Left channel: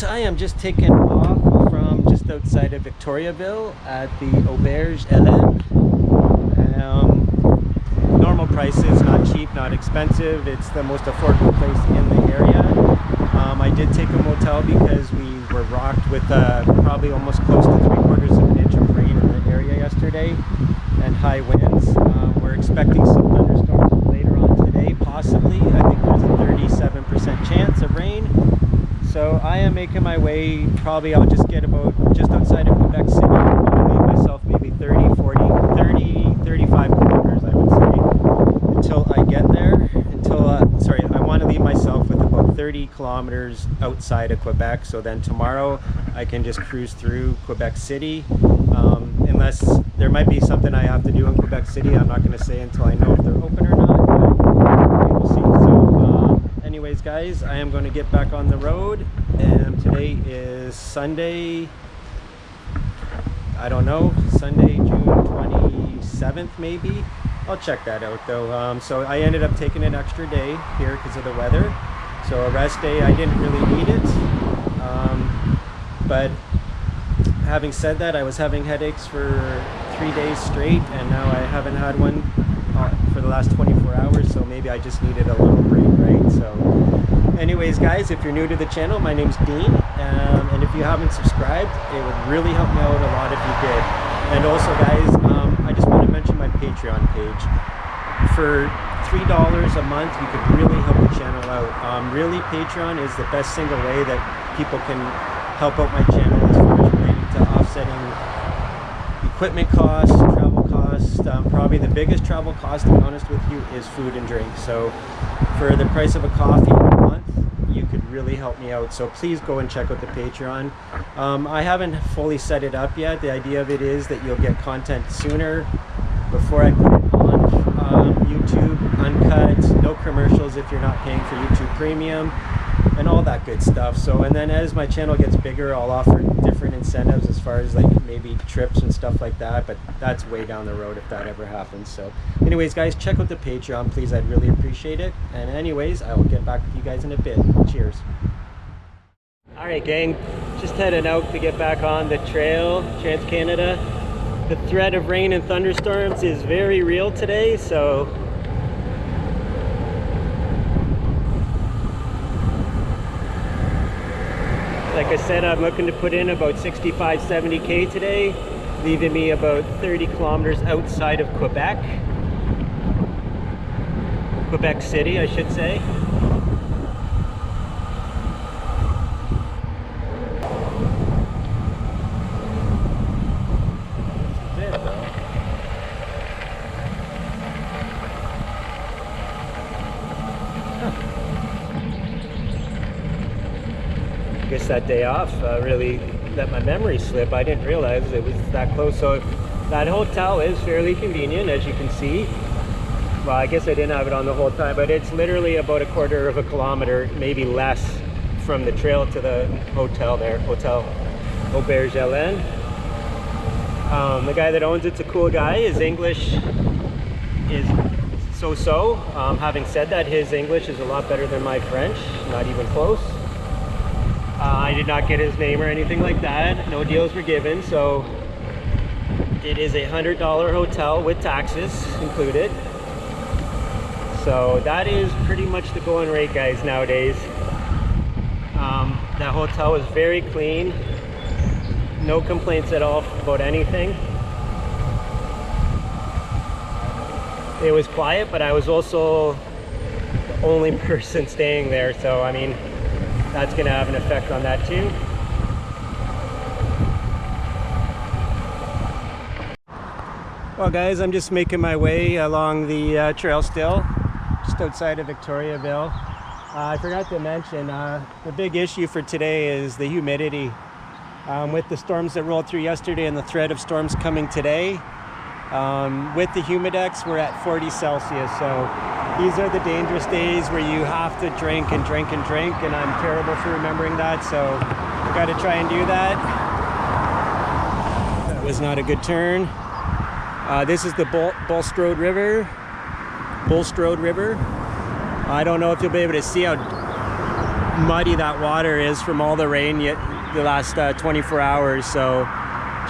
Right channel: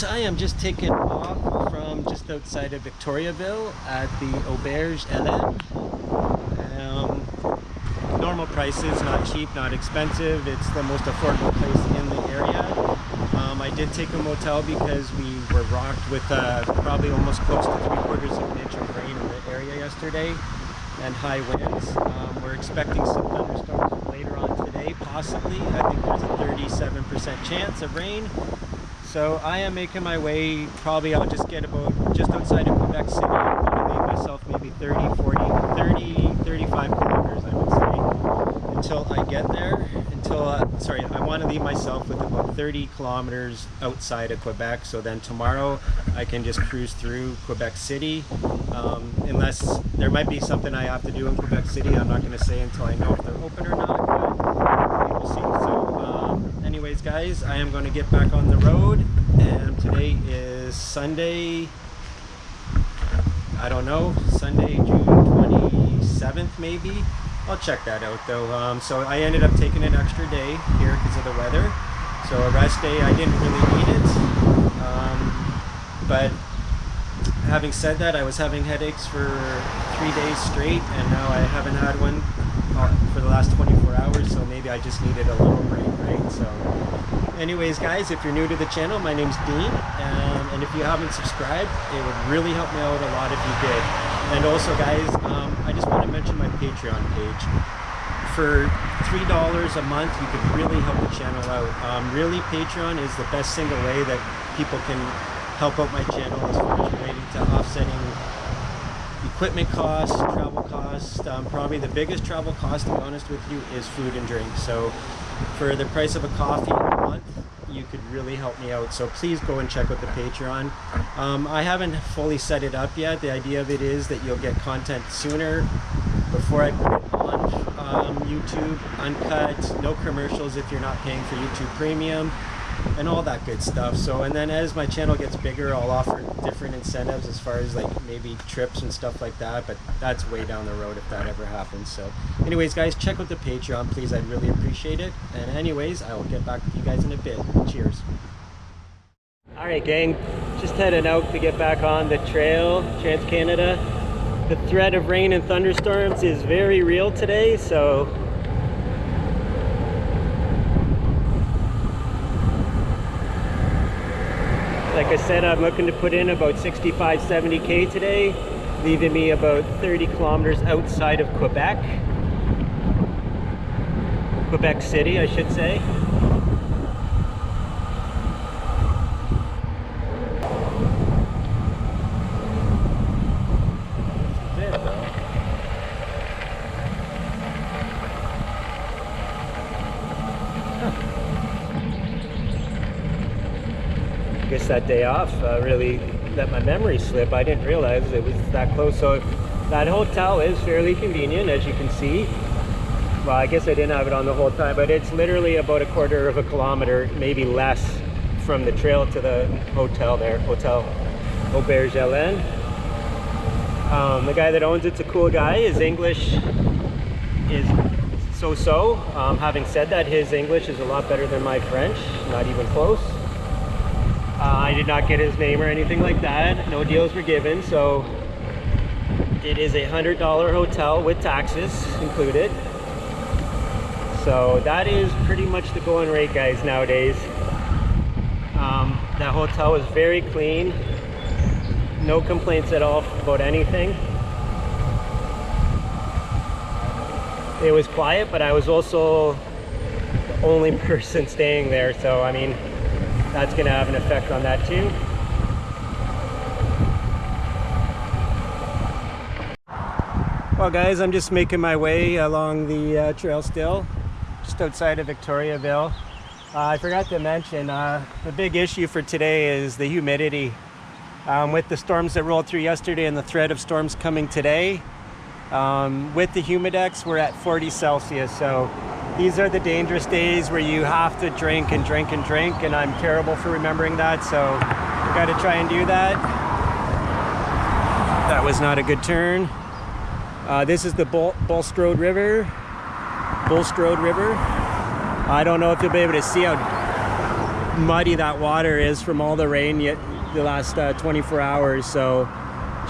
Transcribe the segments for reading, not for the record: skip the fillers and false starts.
guys, I am just taking off from just outside of Victoriaville at the Auberge Hélène. Normal prices, not cheap, not expensive. It's the most affordable place in the area. I did take a motel because we were rocked with probably almost close to 3/4 of an inch of rain in the area yesterday and high winds. We're expecting some thunderstorms later on today, possibly. I think there's a 37% chance of rain. So I am making my way. Probably I'll just get about just outside of Quebec City. I want to leave myself maybe 30, 40, 30, 35 kilometers, I would say, until I get there. Sorry, I want to leave myself with about 30 kilometers outside of Quebec. So then tomorrow I can just cruise through Quebec City. Unless there might be something I have to do in Quebec City. I'm not going to say until I know if they're open or not, but we will see. So anyways, guys, I am going to get back on the road, and today is Sunday, I don't know, Sunday, June 27th maybe. I'll check that out though. So I ended up taking an extra day here because of the weather. So a rest day, I didn't really need it. But having said that, I was having headaches for 3 days straight, and now I haven't had one for the last 24 hours, so maybe I just needed a little break, right? So anyways, guys, if you're new to the channel, my name's Dean, and if you haven't subscribed, it would really help me out a lot if you did. And also, guys, I just want to mention my Patreon page. For $3 a month, you could really help the channel out. Really, Patreon is the best single way that people can help out my channel as far as relating to offsetting equipment costs, travel costs. Probably the biggest travel cost, to be honest with you, is food and drink. So for the price of a coffee a month, you could really help me out. So please go and check out the Patreon. I haven't fully set it up yet. The idea of it is that you'll get content sooner before I put it on YouTube, uncut, no commercials if you're not paying for YouTube Premium, and all that good stuff. So, and then as my channel gets bigger, I'll offer different incentives as far as like maybe trips and stuff like that, but that's way down the road if that ever happens. So anyways, guys, check out the Patreon, please. I'd really appreciate it. And anyways, I will get back with you guys in a bit. Cheers. All right, gang, just heading out to get back on the trail, Trans-Canada. The threat of rain and thunderstorms is very real today, so like I said, I'm looking to put in about 65, 70K today, leaving me about 30 kilometers outside of Quebec. Quebec City, I should say. I guess that day off really let my memory slip. I didn't realize it was that close. So that hotel is fairly convenient, as you can see. Well, I guess I didn't have it on the whole time, but it's literally about 1/4 of a kilometer, maybe less, from the trail to the hotel there, Hotel Auberge Hélène. The guy that owns it's a cool guy. His English is so-so. Having said that, his English is a lot better than my French, not even close. I did not get his name or anything like that. No deals were given. So it is a $100 hotel with taxes included. So that is pretty much the going rate, guys, nowadays. That hotel was very clean. No complaints at all about anything. It was quiet, but I was also the only person staying there. So, I mean, that's going to have an effect on that too. Well, guys, I'm just making my way along the trail still, just outside of Victoriaville. I forgot to mention, the big issue for today is the humidity. With the storms that rolled through yesterday and the threat of storms coming today, with the humidex, we're at 40 Celsius. So these are the dangerous days where you have to drink and drink and drink, and I'm terrible for remembering that, so I got to try and do that. That was not a good turn. This is the Bulstrode River. Bulstrode River. I don't know if you'll be able to see how muddy that water is from all the rain yet the last 24 hours. So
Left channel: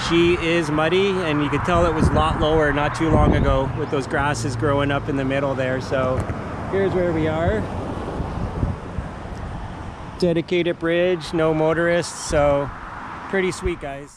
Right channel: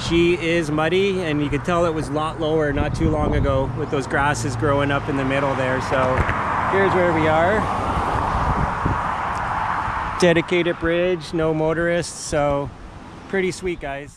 she is muddy, and you could tell it was a lot lower not too long ago with those grasses growing up in the middle there. So here's where we are. Dedicated bridge, no motorists, so pretty sweet, guys.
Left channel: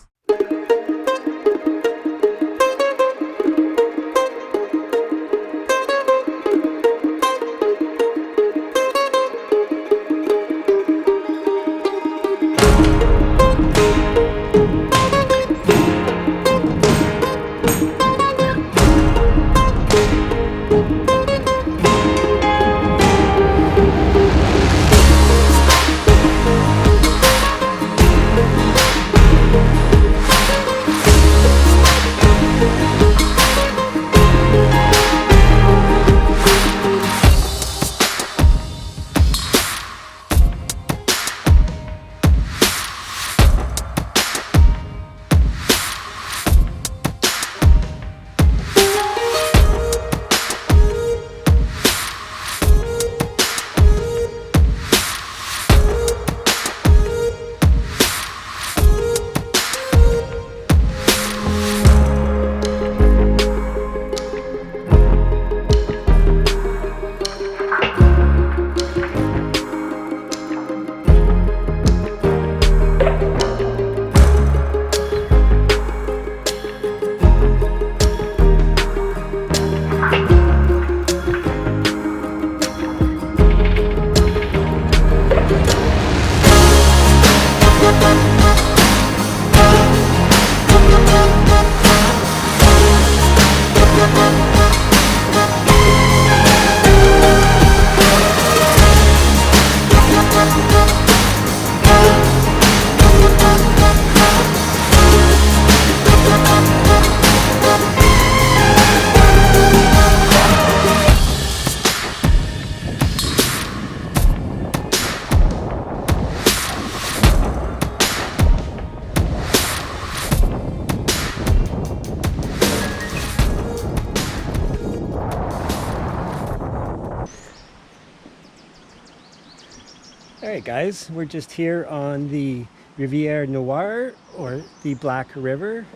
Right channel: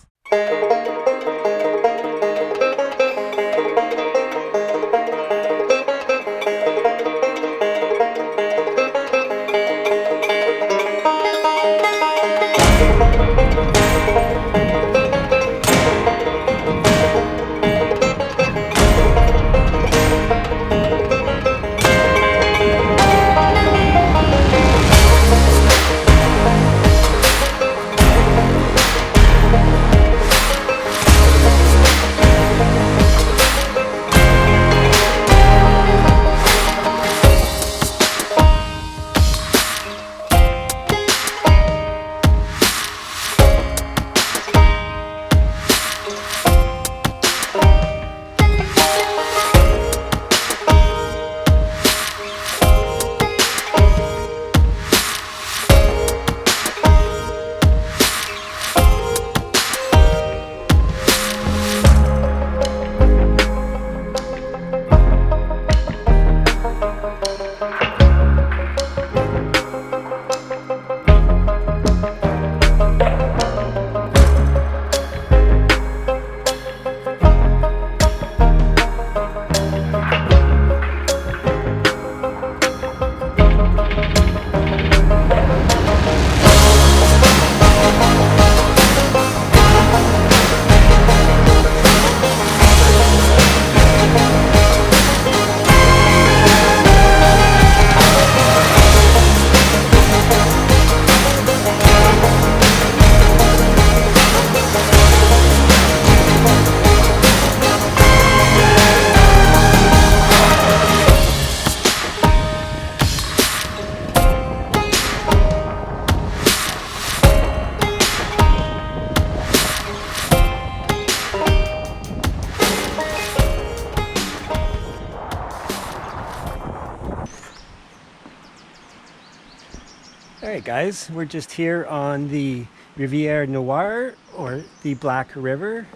Alright guys, we're just here on the Rivière Noire, or the Black River,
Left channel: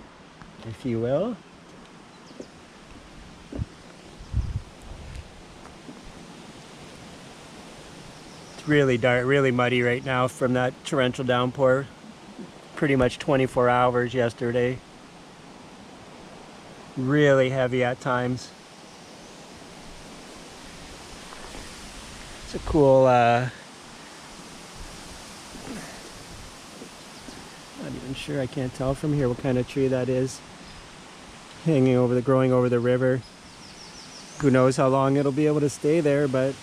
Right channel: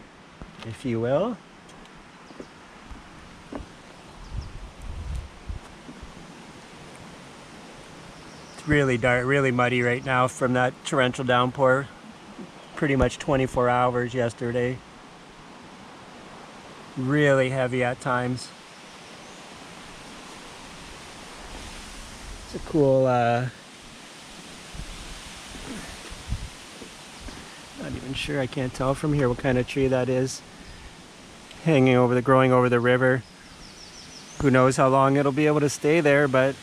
if you will. It's really dark, really muddy right now from that torrential downpour. Pretty much 24 hours yesterday. Really heavy at times. It's a cool not even sure, I can't tell from here what kind of tree that is. Hanging over growing over the river. Who knows how long it'll be able to stay there, but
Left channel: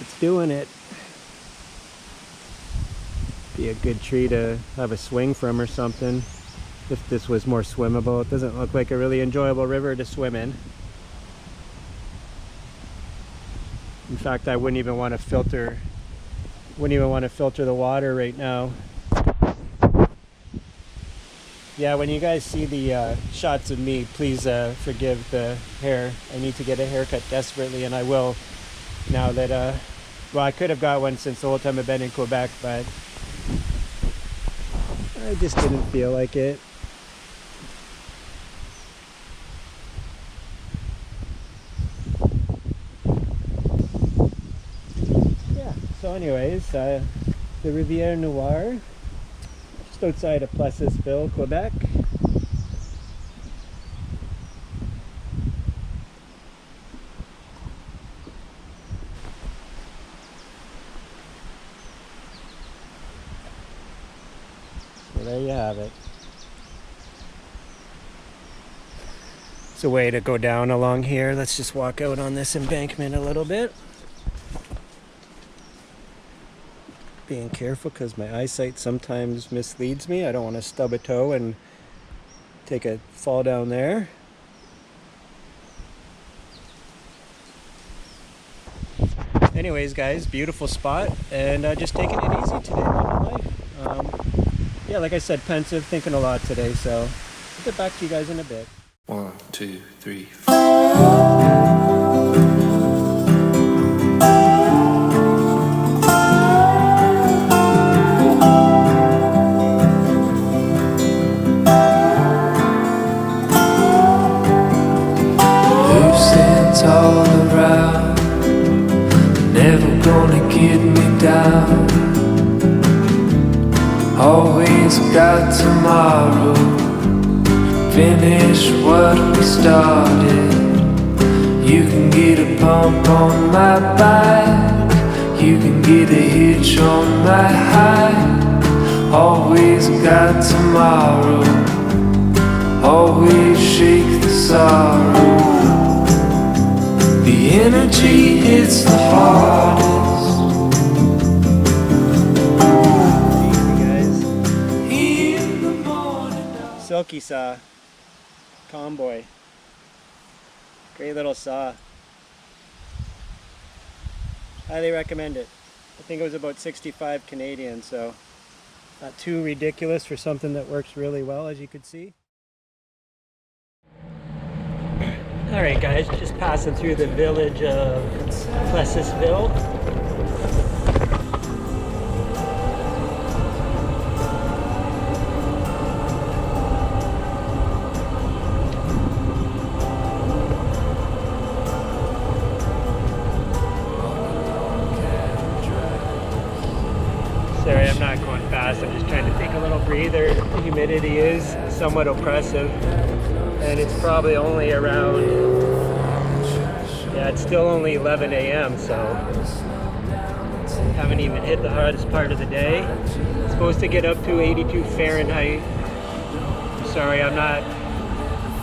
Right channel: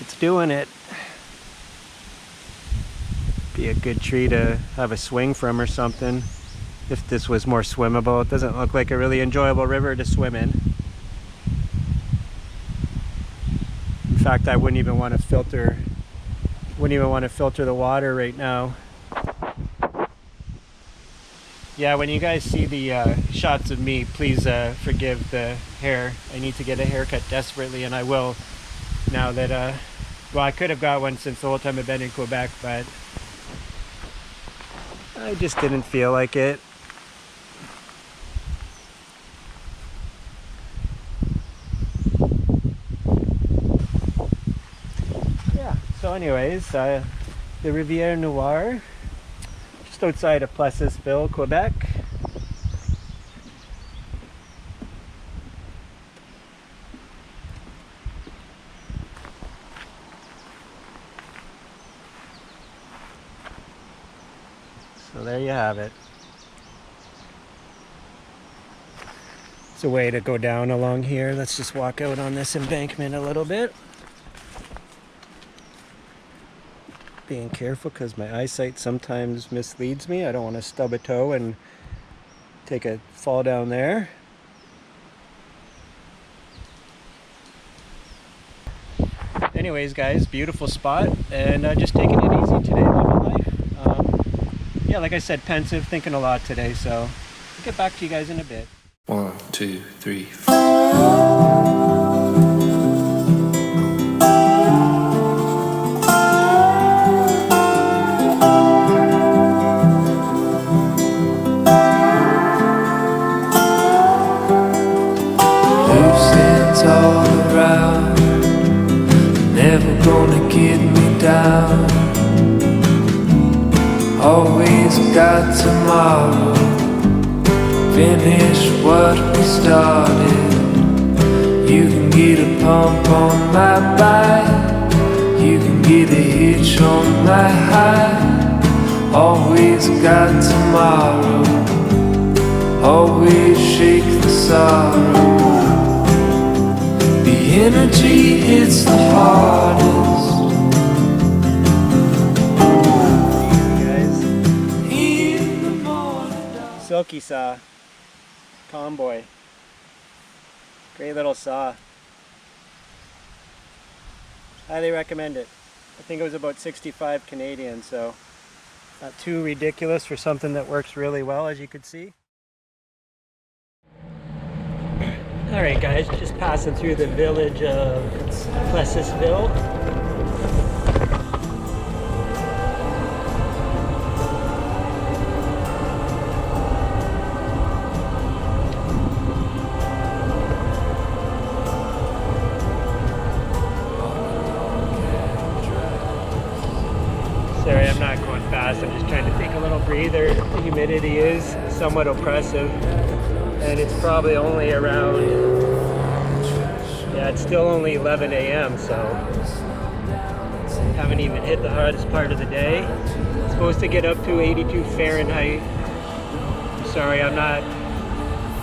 it's doing it. Be a good tree to have a swing from or something. If this was more swimmable. It doesn't look like a really enjoyable river to swim in. In fact, I wouldn't even want to filter the water right now. Yeah, when you guys see the shots of me, please forgive the hair. I need to get a haircut desperately, and I will now that, well, I could have got one since the whole time I've been in Quebec, but I just didn't feel like it. So anyways, the Rivière Noire, just outside of Plessisville, Quebec. So there you have it. It's a way to go down along here. Let's just walk out on this embankment a little bit. Being careful because my eyesight sometimes misleads me. I don't want to stub a toe and take a fall down there. Anyways guys, beautiful spot, and just taking it easy today, loving life. Yeah, like I said, pensive, thinking a lot today, so I'll get back to you guys in a bit. 1, 2, 3, 4. tomorrow. Finish what we started. You can get a pump on my bike. You can get a hitch on my high. Always got tomorrow. Always shake the sorrow. The energy hits the hardest. Silky saw, Comboy, great little saw. Highly recommend it. I think it was about 65 Canadian, so not too ridiculous for something that works really well, as you could see. Alright guys, just passing through the village of Plessisville. Sorry, I'm not going fast. I'm just trying to take a little breather. The humidity is somewhat oppressive, and it's probably only around, yeah, it's still only 11 a.m. so haven't even hit the hardest part of the day. It's supposed to get up to 82 Fahrenheit. Sorry, I'm not.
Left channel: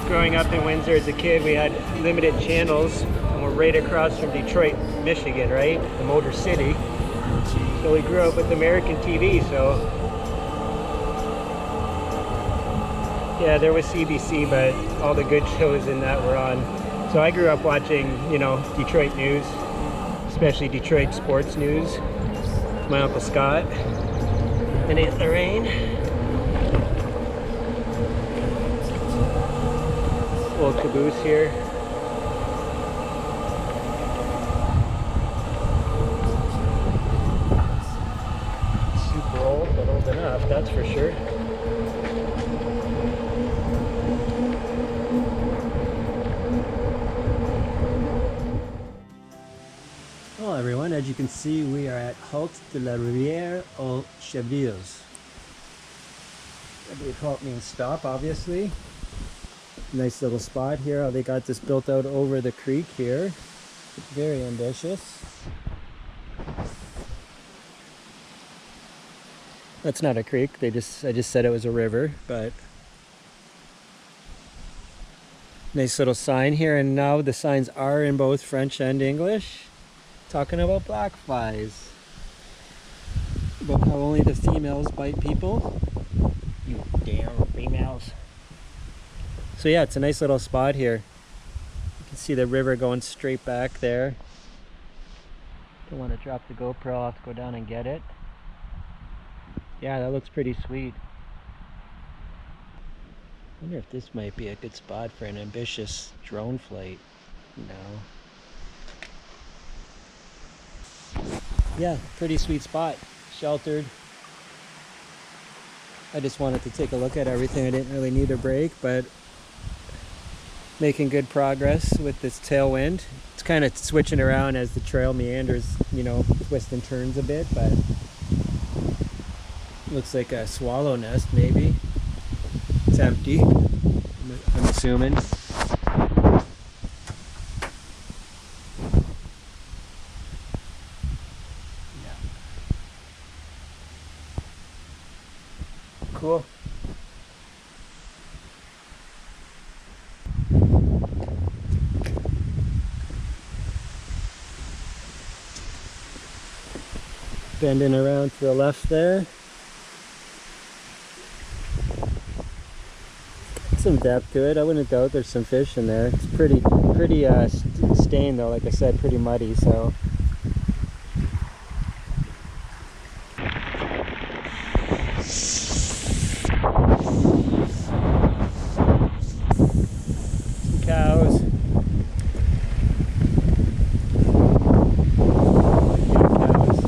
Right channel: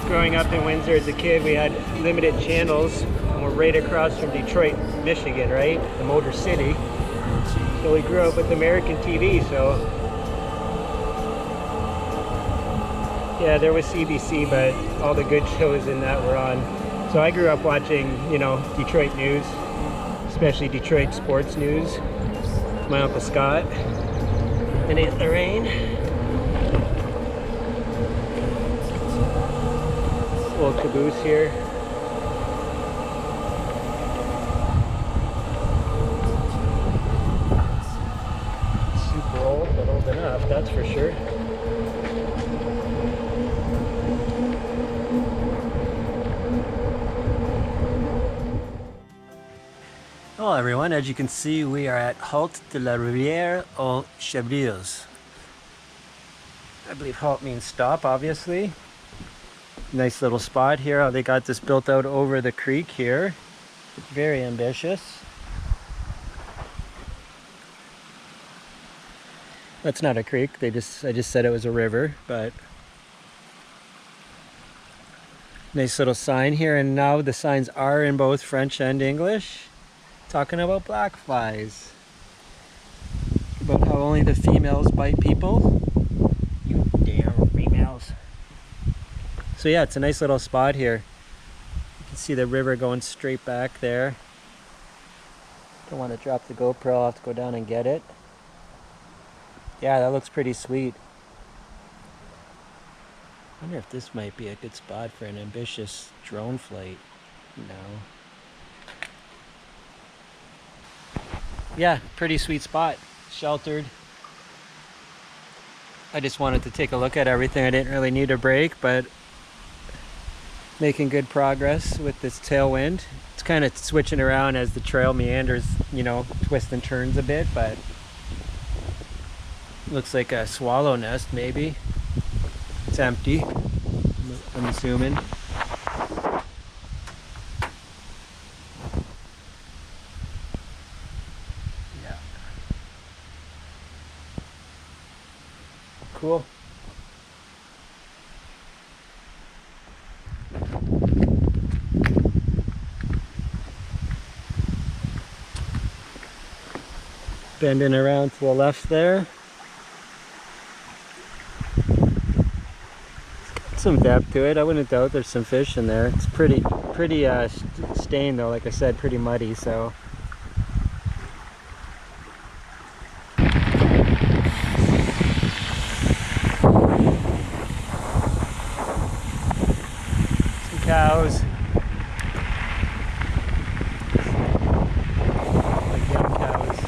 Growing up in Windsor as a kid, we had limited channels, and we're right across from Detroit, Michigan, right? The Motor City. So we grew up with American TV, so yeah, there was CBC, but all the good shows in that were on. So I grew up watching, you know, Detroit news, especially Detroit sports news. My Uncle Scott and Aunt Lorraine. Little caboose here. But old enough, that's for sure. Hello everyone, as you can see we are at Halte de la Rivière aux Chaudières. I believe halt means stop, obviously. Nice little spot here, how they got this built out over the creek here. Very ambitious. That's not a creek, I just said it was a river, but nice little sign here, and now the signs are in both French and English, talking about black flies, about how only the females bite people. You damn females. So yeah, it's a nice little spot here. You can see the river going straight back there. Don't want to drop the GoPro, I'll have to go down and get it. Yeah, that looks pretty sweet. I wonder if this might be a good spot for an ambitious drone flight. No. Yeah, pretty sweet spot. Sheltered. I just wanted to take a look at everything. I didn't really need a break, but making good progress with this tailwind. It's kind of switching around as the trail meanders, you know, twists and turns a bit, but looks like a swallow nest, maybe. It's empty, I'm assuming. Yeah. Cool. Bending around to the left there. Some depth to it. I wouldn't doubt there's some fish in there. It's pretty stained though, like I said, pretty muddy, so some cows, like young cows.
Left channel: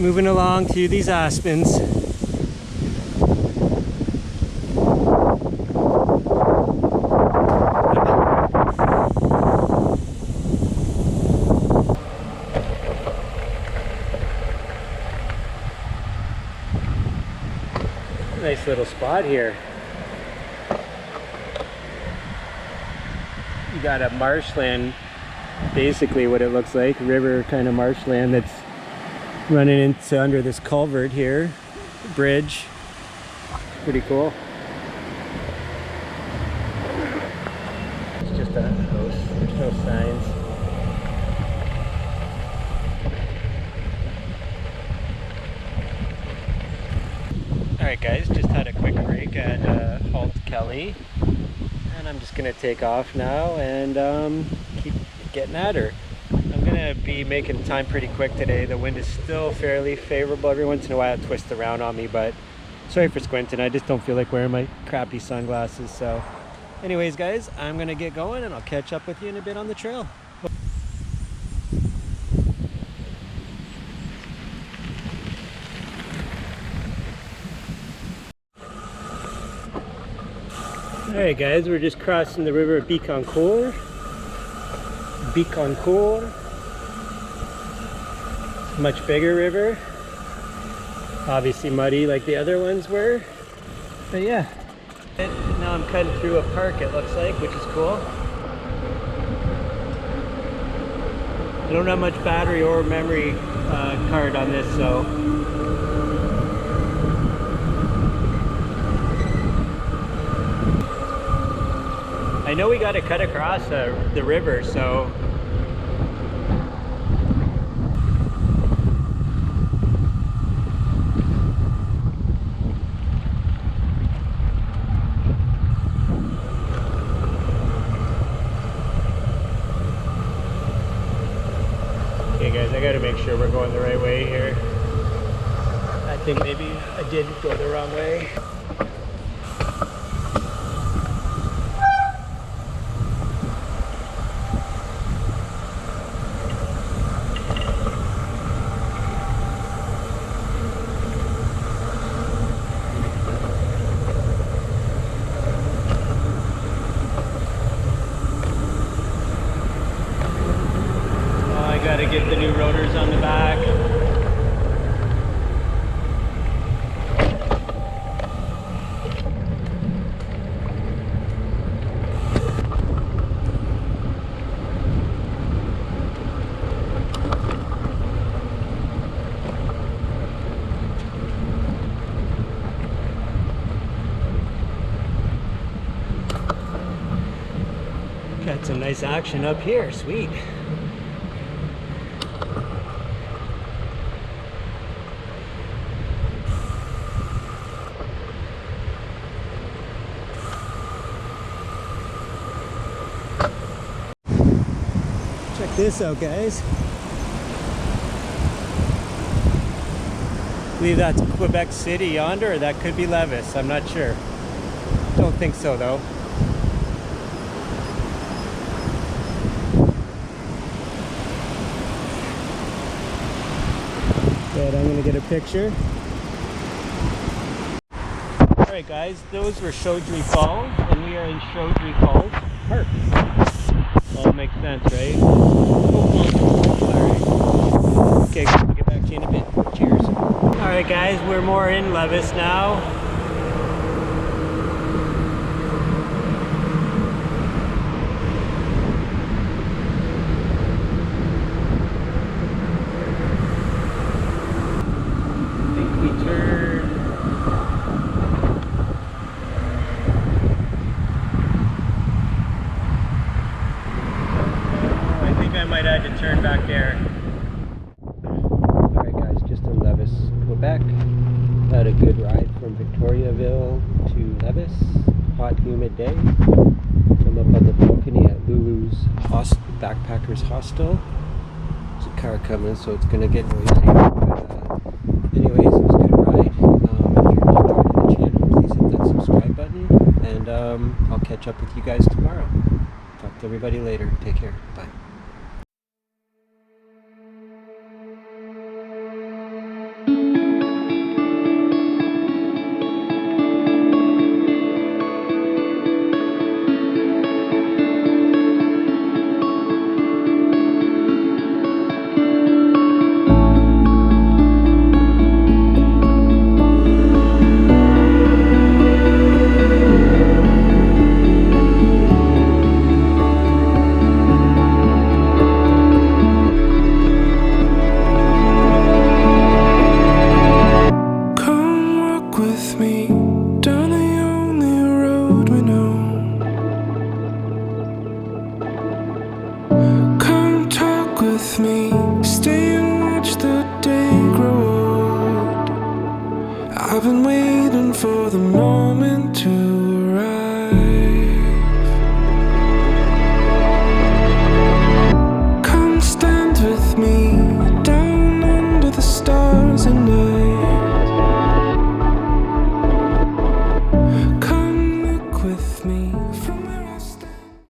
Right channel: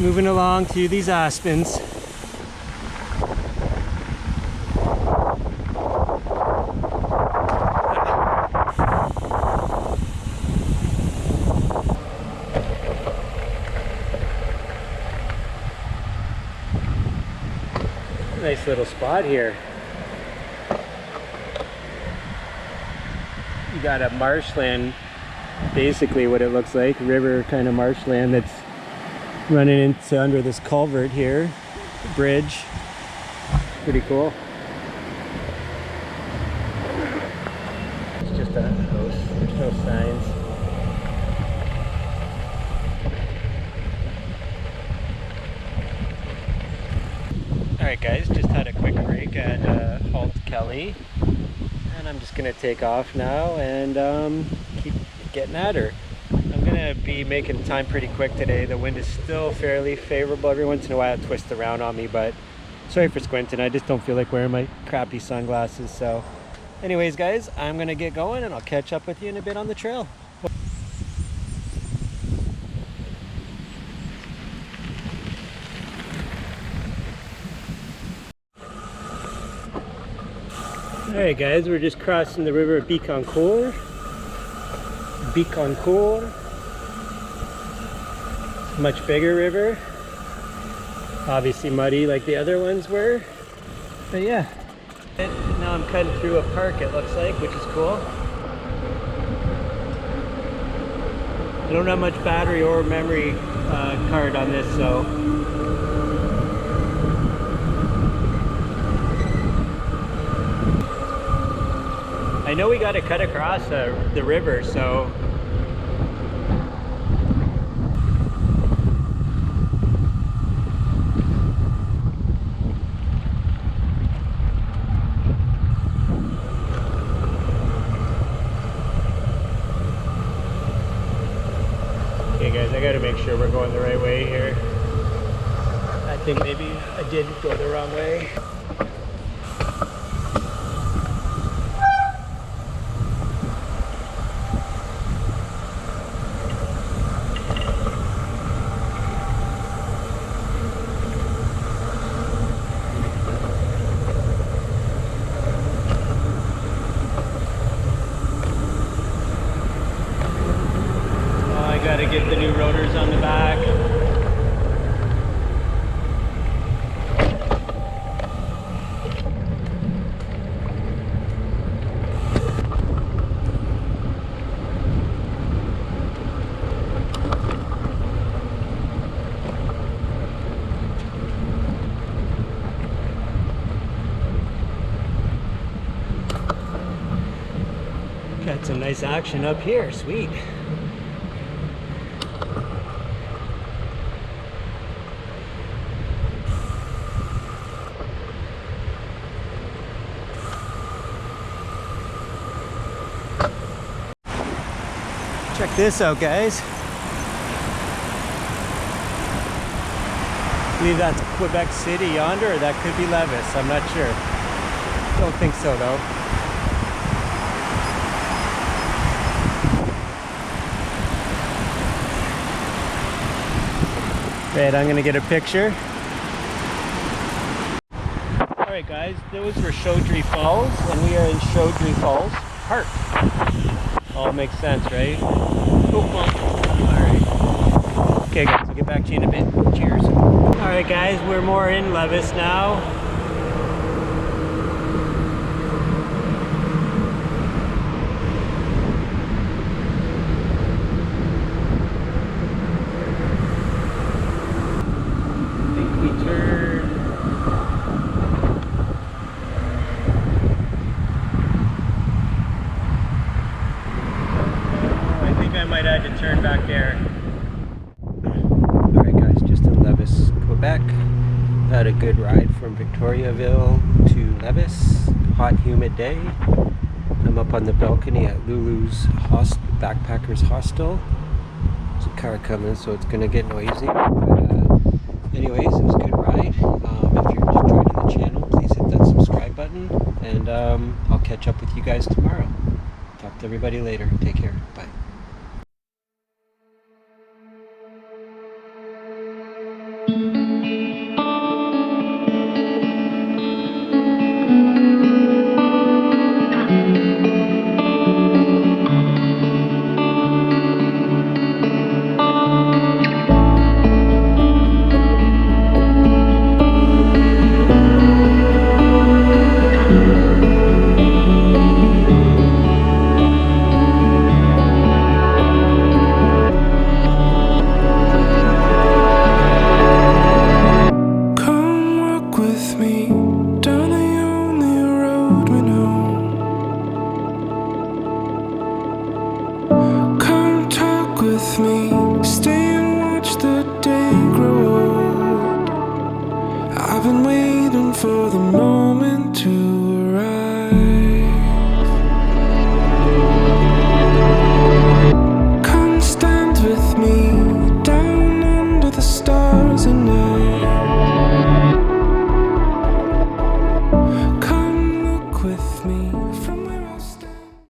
moving along to these aspens. Nice little spot here. You got a marshland, basically what it looks like, river kind of marshland that's running into under this culvert here, bridge. Pretty cool. It's just a house, there's no signs. Alright guys, just had a quick break at Halt Kelly, and I'm just gonna take off now and keep getting at her. I'm gonna be making time pretty quick today. The wind is still fairly favorable. Every once in a while it twists around on me, but sorry for squinting. I just don't feel like wearing my crappy sunglasses. So anyways guys, I'm gonna get going and I'll catch up with you in a bit on the trail. Alright guys, we're just crossing the river Bicancourt. Much bigger river. Obviously muddy like the other ones were. But yeah. Now I'm cutting through a park, it looks like, which is cool. I don't have much battery or memory card on this, so I know we got to cut across the river, so okay guys, I got to make sure we're going the right way here. I think maybe I did go the wrong way. Gotta get the new rotors on the back. Got some nice action up here, sweet. Check this out, guys. I believe that's Quebec City yonder, or that could be Levis. I'm not sure. Don't think so, though. Right, I'm gonna get a picture. Alright guys, those were Chaudiere Falls, and we are in Chaudiere Falls Park. All makes sense, right? Oh, alright. Okay guys, we'll get back to you in a bit. Cheers. Alright guys, we're more in Levis now. I think we turned... I might have to turn back there. Alright guys, just in Levis, Quebec. Had a good ride from Victoriaville to Levis. Hot, humid day. I'm up on the balcony at Loulu's Backpackers Hostel. There's a car coming, so it's gonna get noisy. But anyways, it was a good ride. If you're just joining the channel, please hit that subscribe button. And I'll catch up with you guys tomorrow. Talk to everybody later. Take care. Bye. with me, stay and watch the day grow old. I've been waiting for the moment to arrive. Come stand with me,